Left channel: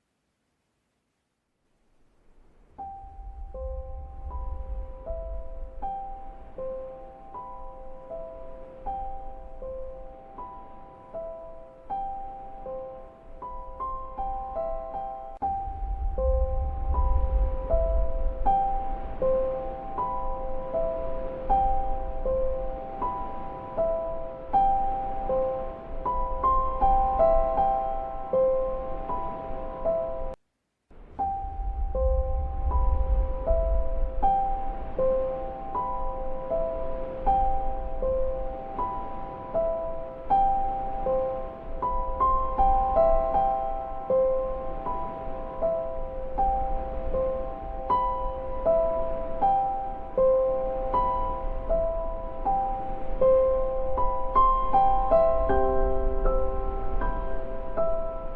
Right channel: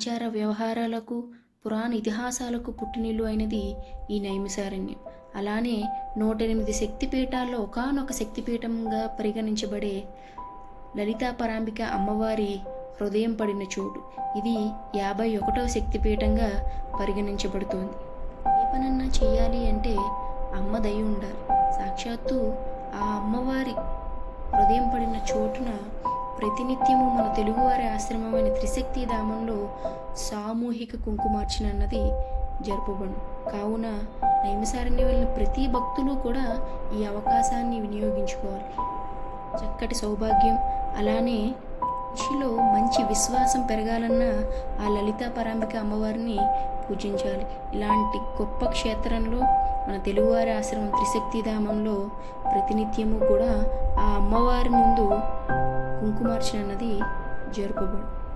ఆచార వ్యవహారాలకు పురాణ ఇతిహాసాలకు పుట్టినిల్లు అయినది ఈ నైమిసారణ్యం. అలానే నూట ఎనిమిది శక్తిపీఠాల్లో ఒకానొక శక్తిపీఠంగా పరిగణించబడే లలితా పరాంబిక అమ్మవారి హృదయం పడిన చోటు. ఇది యాభై ఒకటవ శక్తిపీఠంగా పరిగణించబడుతోంది. ఏ పనన్నా చేయాలి అంటే అమ్మ దయ ఉండాలి. సాక్షాత్తు ఆ అమ్మవారి హృదయం పడిన చోటున ప్రతినిత్యము మన తెలుగువారి ఆశ్రమమైన త్రిశక్తి ధామంలో సామూహిక కుంకుమార్చన అన్నది జరుపబడు. కావున నైమిసారణ్యం వెళ్ళిన ప్రతి భక్తులు కూడా ఈ అవకాశాన్ని వినియోగించుకోవాలి. చక్కటి సౌభాగ్యం అలానే మనిషిలో మంచి విశ్వాసం పెరగాలన్నా ఆ లలితా పరాంబిక అమ్మవారిని పూజించాలి. ఇలాంటి గొప్ప క్షేత్రంలో మన తెలుగువారి ఆశ్రమం త్రిశక్తి ధామంలో ప్రతినిత్యము కూడా ఆ అమ్మవారి ముందు Yer Baba.